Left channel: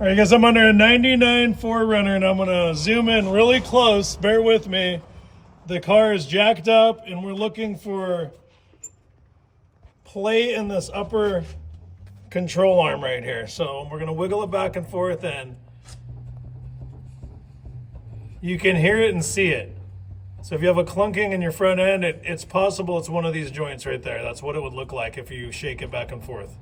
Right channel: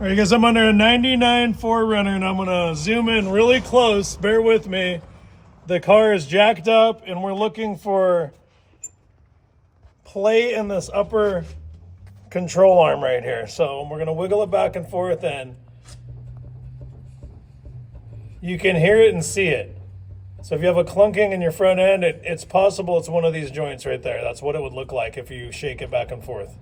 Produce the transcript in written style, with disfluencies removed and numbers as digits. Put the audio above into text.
All right, guys, I'm under a 99 4Runner, and I'm going to zoom in really close. Bear with me. The car is jacked up, and we're looking for play in this upper control arm right here. So we're going to wiggle it back and forth, and you can hear it and see it. So if you have a clunking in your front end, it's possible it's one of these joints right there. That's what it would look like if you shake it back and forth.